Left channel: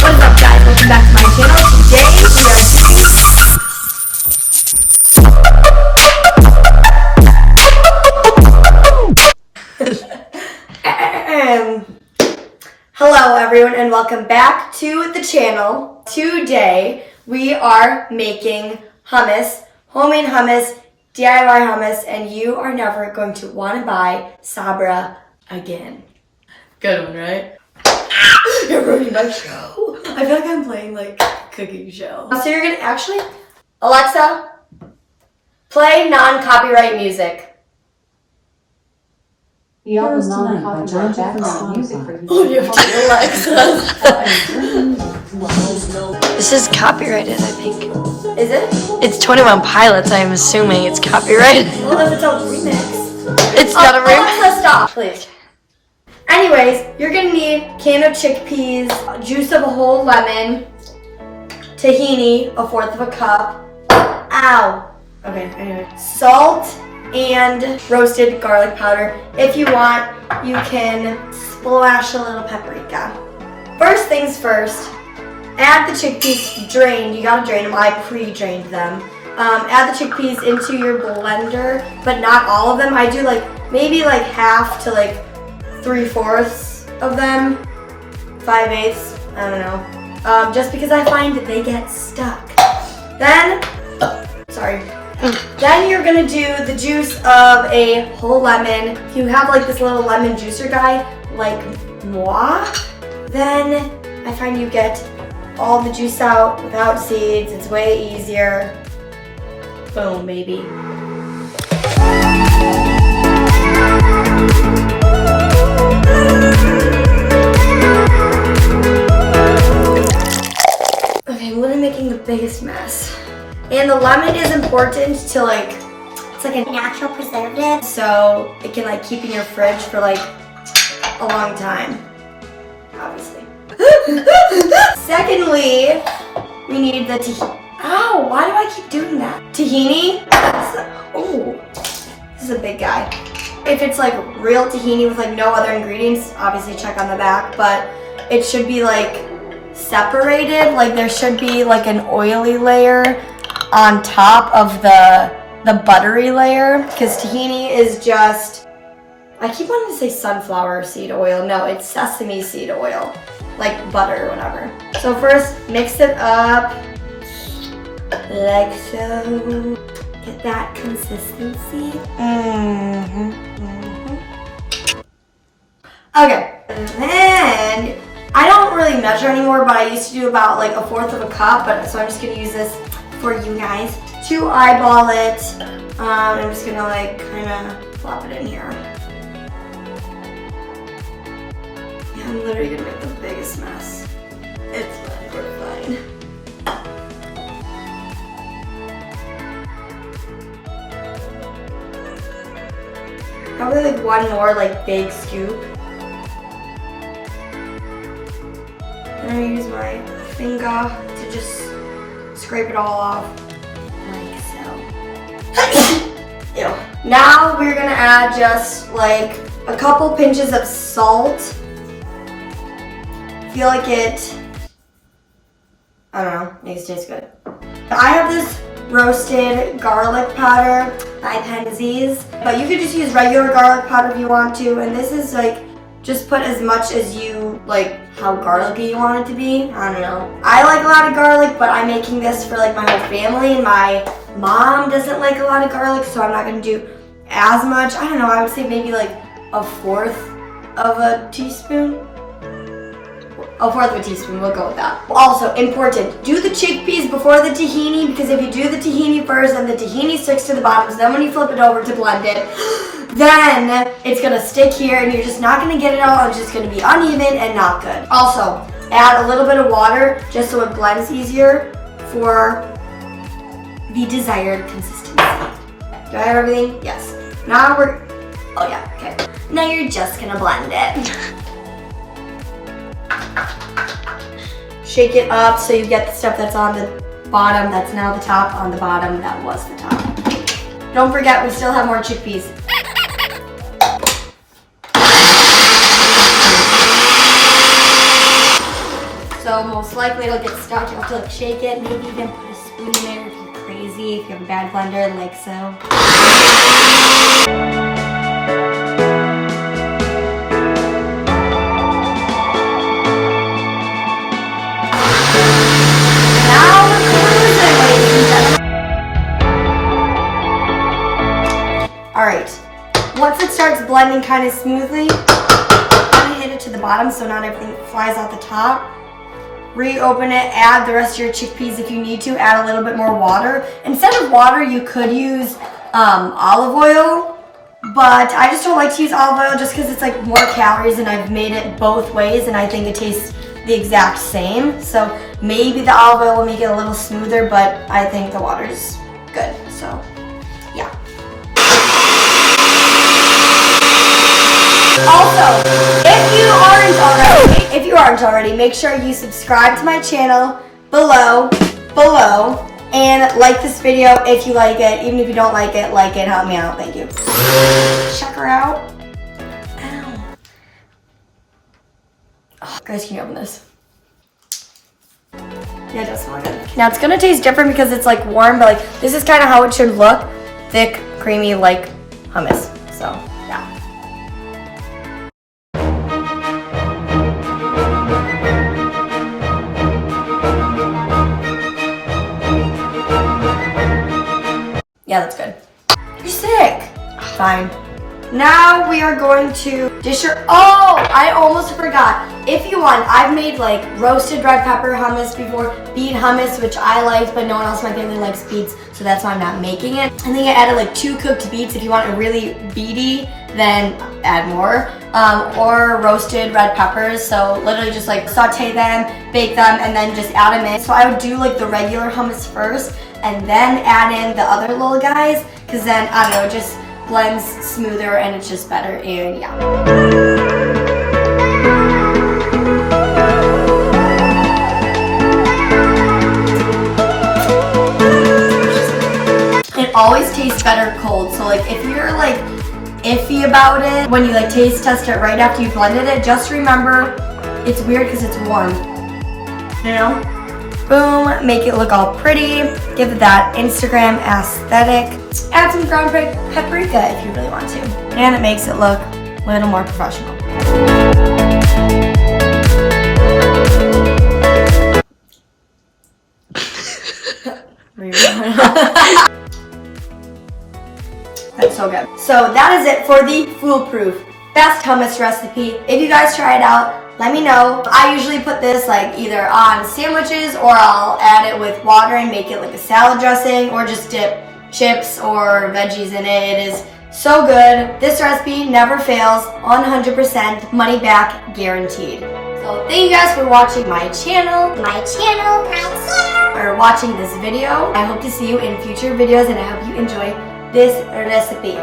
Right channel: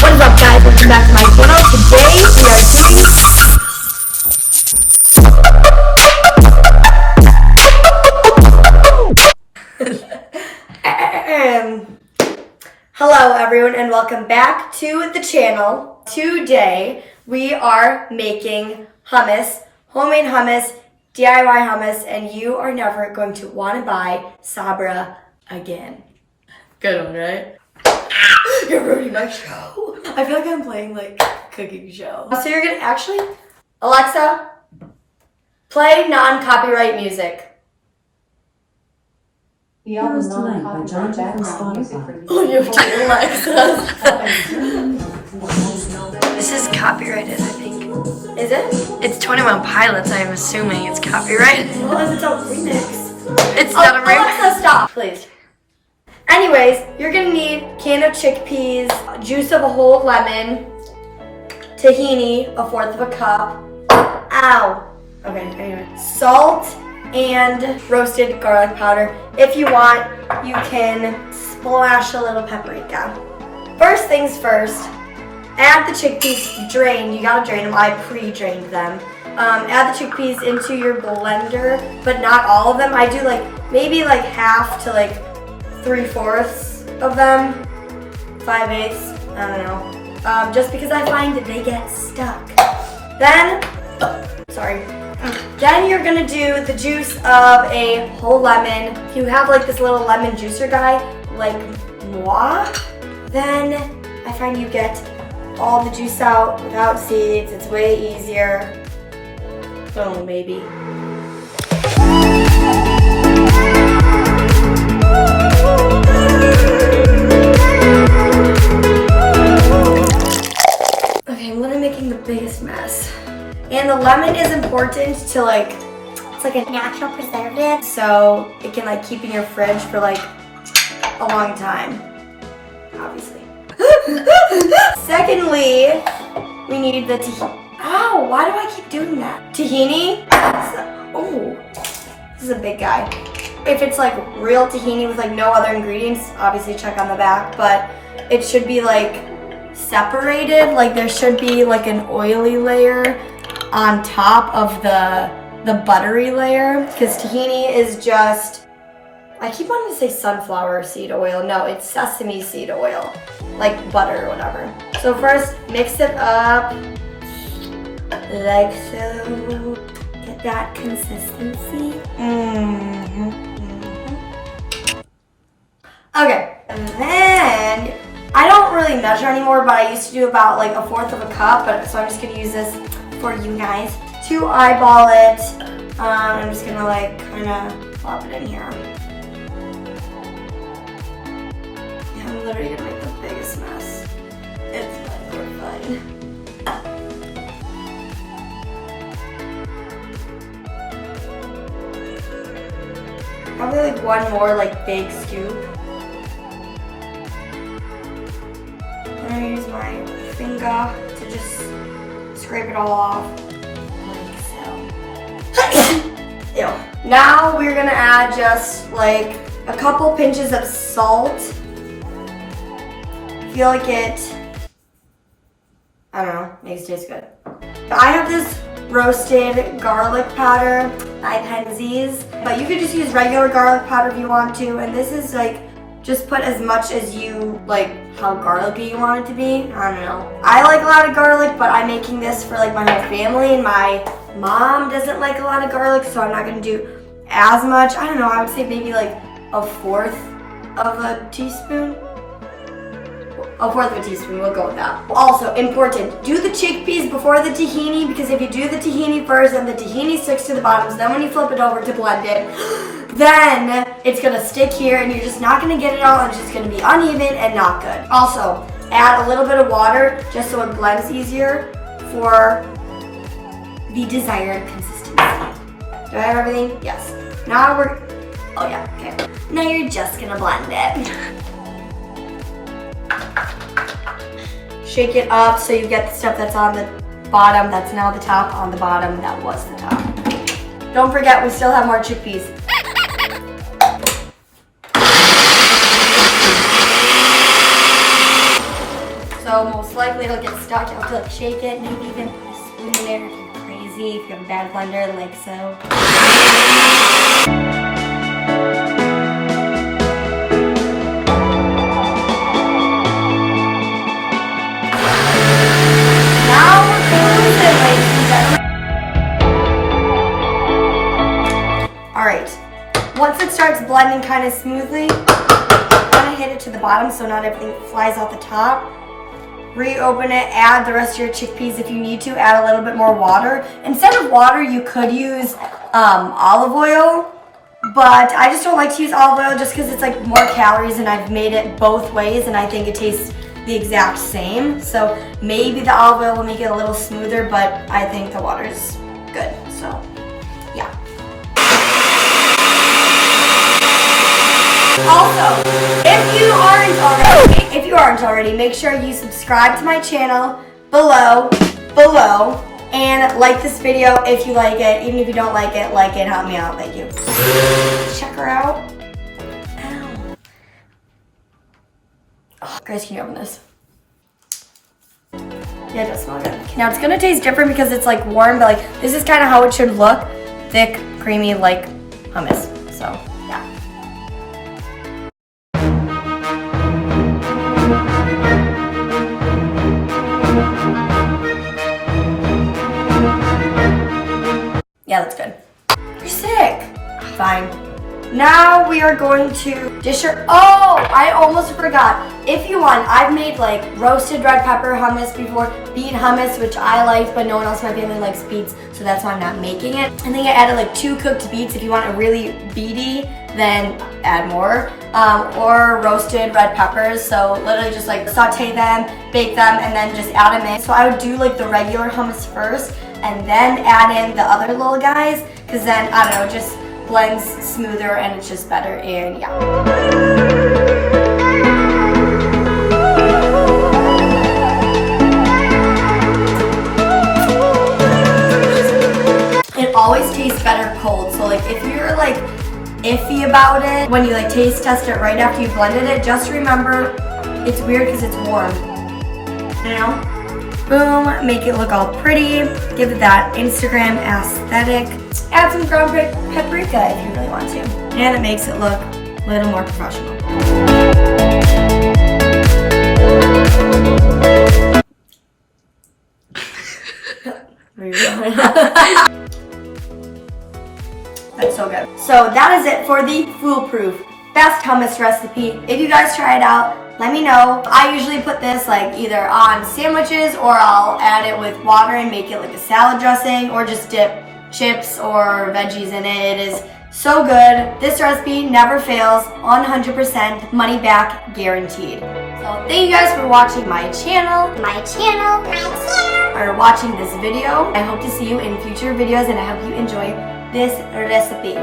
What is up, guys? Welcome back to my channel. Today we are doing hello everyone and welcome back to the channel. Today we are making hummus, homemade hummus, DIY hummus, and you are never going to want to buy Sabra again. Good one, right? You're ruining my show. I feel like I'm playing like cooking show. So you're gonna actually, Alexa, play non-copyright music. Heroes Tonight by John Jack on Spotify. Oh, you have to Alexa. This is copyrighted, I think. Is it? It's 21 Pilots, I'm assuming it's copyrighted. Well, if it's a remix. It's not a remix. Alexa, stop, please. Anyways, you're gonna need a can of chickpeas, juice of a whole lemon, tahini, 1/4 of a cup. Ow. Okay, anyway. Salt and roasted garlic powder. If you want, you can splash a little paprika. First things first, add the chickpeas drained. You gotta drain them. I pre-drained them. Add the chickpeas into your blender, but not all of them. I do like maybe like half to like 3/4 of them, 5/8, I don't know. Just because I find that they get stuck. Then, Then you're gonna do the juice of a whole lemon. If you have like this little lemon juicer guy, like moi, then I find you get all the juice out without seeds. It's way easier. Boom, baby. Making the biggest mess. And the lemon is important to like, it's like a natural preservative. So it can like keep in your fridge for like a long time, obviously. Secondly, we need the tahini. Ow, why do I keep doing that? Tahini. Oh, this is a big guy. If it's like real tahini with like no other ingredients, obviously check on the back, but it should be like separated, like there should be like an oily layer on top of the buttery layer, because tahini is just, I keep wanting to say sunflower seed oil. No, it's sesame seed oil, like butter or whatever. So first mix it up like so, get that consistency. Okay, and then I don't really measure anymore, but I used to do about like 1/4 of a cup, so I'm just gonna use this for you guys to eyeball it. I'm just gonna like kind of plop it in here. Yeah, I'm literally gonna make the biggest mess. It's fine, we're fine. Probably like one more like big scoop. I'm gonna use my finger to just scrape it all off, like so. Ew. Now we're gonna add just like a couple pinches of salt. Feel like it, I don't know, makes it taste good. I have this roasted garlic powder by Penzies, but you could just use regular garlic powder if you want to, and this is like, just put as much as you like, how garlicky you want it to be. I don't know. I like a lot of garlic, but I'm making this for like my whole family, and my mom doesn't like a lot of garlic, so I'm not gonna do as much. I don't know, I would say maybe like 1/4 of a teaspoon. 1/4 of a teaspoon, we'll go with that. Also, important, do the chickpeas before the tahini, because if you do the tahini first, then the tahini sticks to the bottom, so then when you flip it over to blend it, then it's gonna stick here and you're just not gonna get it all. It's just gonna be uneven and not good. Also, add a little bit of water just so it blends easier for the desired consistency. Do I have everything? Yes. Now oh yeah, okay. Now you're just gonna blend it. Shake it up so you get the stuff that's on the bottom, that's now the top, on the bottom, that was the top. Don't forget, we still have more chickpeas. So so most likely it'll get stuck. You'll have to like shake it, maybe even put a spoon in there if you're crazy, if you have a bad blender like so. Now we're cruising, ladies and gentlemen. Alright, once it starts blending kind of smoothly, kind of hit it to the bottom so not everything flies out the top. Reopen it, add the rest of your chickpeas if you need to, add a little bit more water. Instead of water, you could use olive oil, but I just don't like to use olive oil just because it's like more calories and I've made it both ways and I think it tastes the exact same. So maybe the olive oil will make it a little smoother, but I think the water's good, so yeah. Also, if you aren't already, make sure you subscribe to my channel below, and like this video if you like it. Even if you don't like it, help me out, thank you. Check her out. Ow. Oh, guys, can you open this? Yeah, it does smell good. Now it's gonna taste different because it's like warm, but like this is kind of how it should look. Thick, creamy, like hummus, so yeah. Yeah, that's good. You're sick. Fine. Now we are going to dish your, oh, I almost forgot. If you want, I've made like roasted red pepper hummus before, beet hummus, which I liked, but no one else in my family likes beets, so that's why I'm not making it. I think I added like 2 cooked beets. If you want it really beety, then add more. Or roasted red peppers, so literally just like saute them, bake them, and then just add them in. So I would do like the regular hummus first, and then add in the other little guys, because then, I don't know, it just blends smoother and it's just better, and yeah. It always tastes better cold, so like if you're like iffy about it, when you like taste test it right after you blended it, just remember it's weird because it's warm, you know? Boom, make it look all pretty, give it that Instagram aesthetic. Add some ground paprika if you really want to, and it makes it look a little more professional. That's so good. So that is it for the foolproof best hummus recipe. If you guys try it out, let me know. I usually put this like either on sandwiches, or I'll add it with water and make it like a salad dressing, or just dip chips or veggies in it. It is so good. This recipe never fails, 100% money back guaranteed. So thank you guys for watching my channel, or watching this video. I hope to see you in future videos, and I hope you enjoy this recipe.